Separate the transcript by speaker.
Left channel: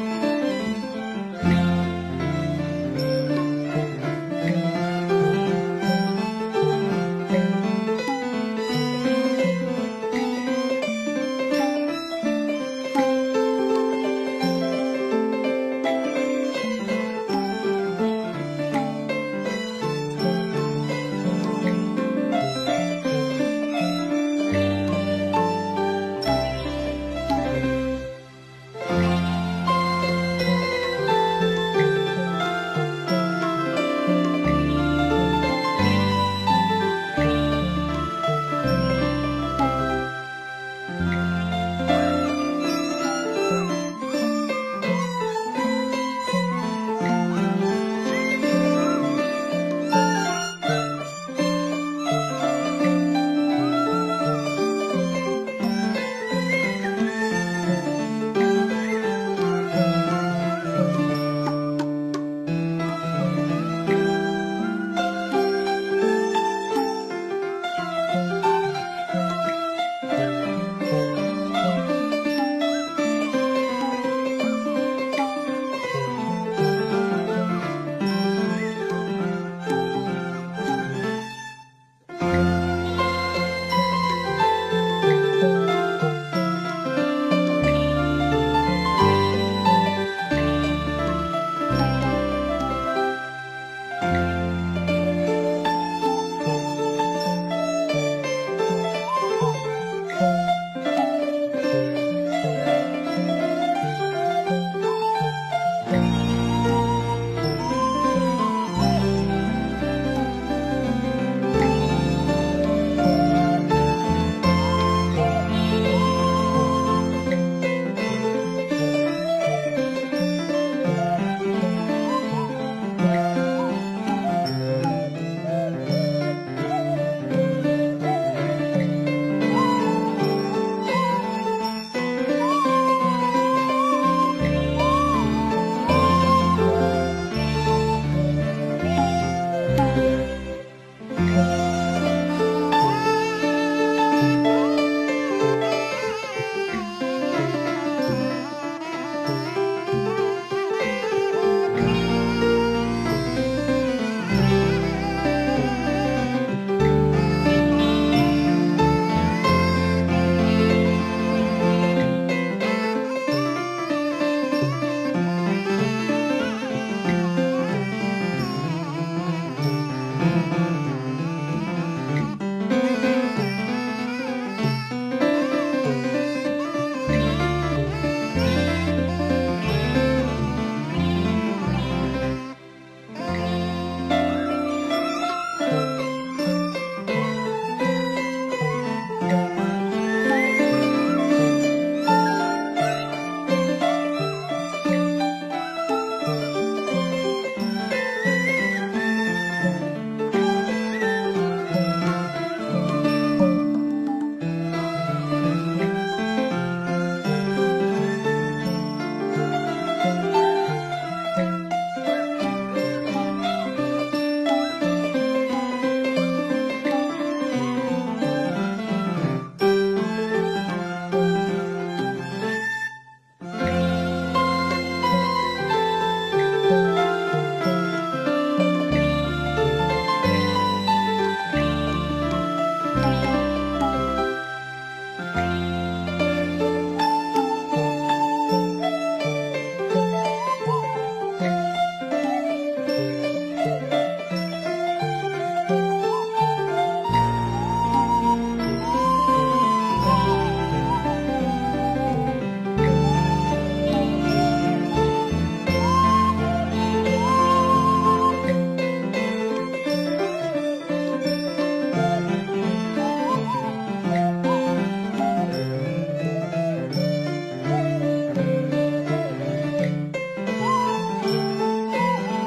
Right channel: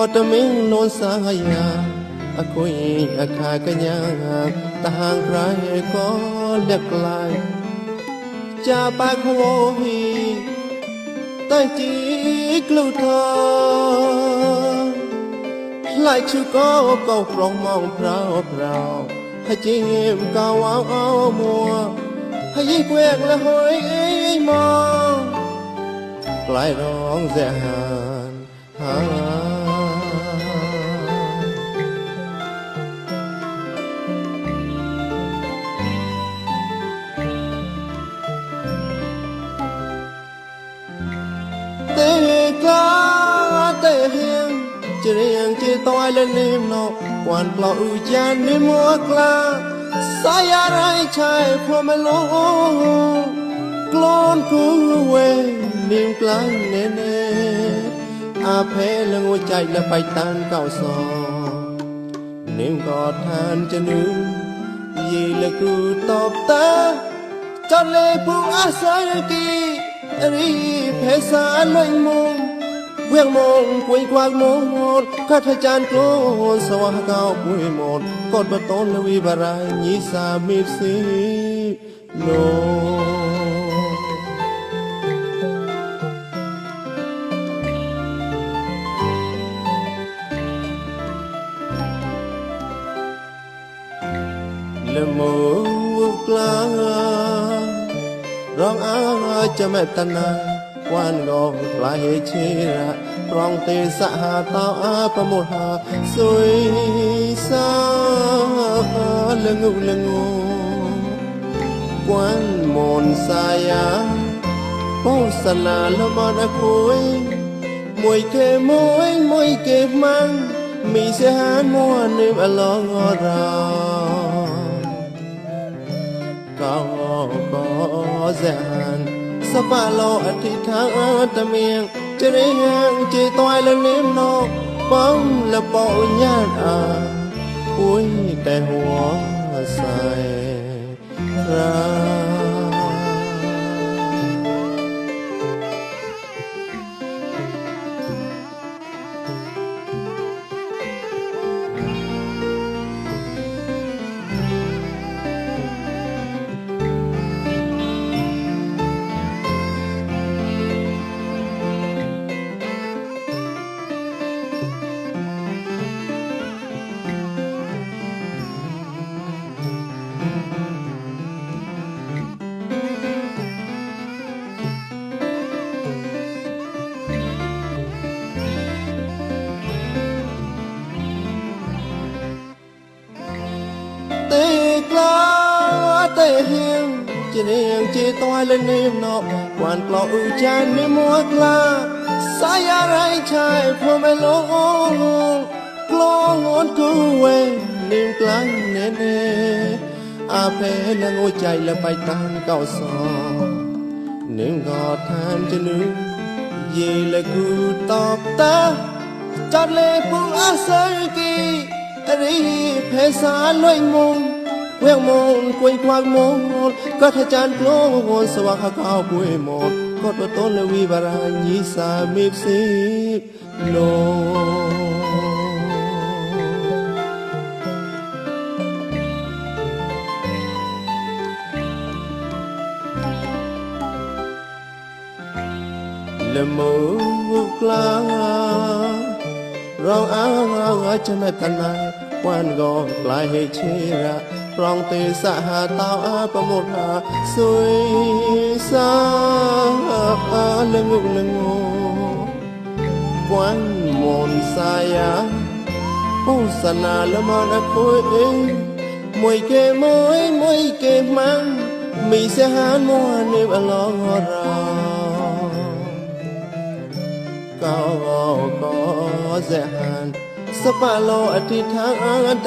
Speaker 1: อดมิงโนนสายาอคุยอาคายกัญญาต่างรายก็เด็กลายจะไปกูโมมีแต่จีกลูเธอไหลชื่อก็ก็ครองมองเราเราให้จริงก็ว่าเอามัวให้ยิ่งเวและหอยมองไกลร้องแดง และไปตามเก่าสองเนื่องอดหานจะนึงยีและกูตอบตาจนเลยผู้อาศัยดีรีเพสารไม่มงเวียงมงคุยวางมงดข้าพเจ้าโกนสว่างเก่าคุยหมดก่มาต้นวิบารายยีสามีสี មេតនាវានងផ្លៃជារងទេសហតោអបមោហាសុយ la la ba na hue moi ke mo en moi ke mang mi se mo anem alo nơi xa loanh môn quên môn quên quan môn có thể chán môn swa ha cao quê môn có thể tôn lên vi bà ra nhí xa mịp xịp lồn Jangan kalah ว่างข้าวบุยมงก็ตัวต้นและวิบารายีสามีสิบโล le mơ ngược la rong áo áo cho mẹ thân này quan gò lại hay chia rong tê xã hà tao á có một hà xuôi xa lên ngục lên ngục quan một sai á ผู้สนาละมอนะตัวเองมวยเกมวย สียหานมัวนี่ว่าลองเรา ก็ก็แสนสปาโลอธิษฐาน